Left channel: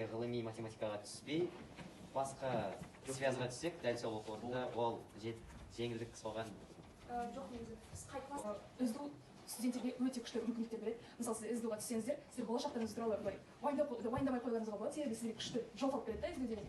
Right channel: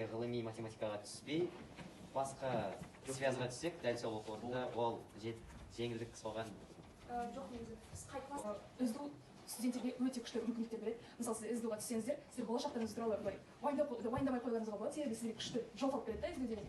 өте ғылыми математикаға түспей, басқа связға түссек, дәл сол оқу орнында ол жеңілдік соған. Жоқ, негізі біз қайтпас. SDU студенттерге өте күшті мүмкіндіктер береді. Мысалы, сіз SDU-ға түссеңіздер, сіздер болашақтарыңыз туралы былай уайымдамай қойғаныңызға болады, себебі сіздерге күшті жол тауып береді да SDU деген.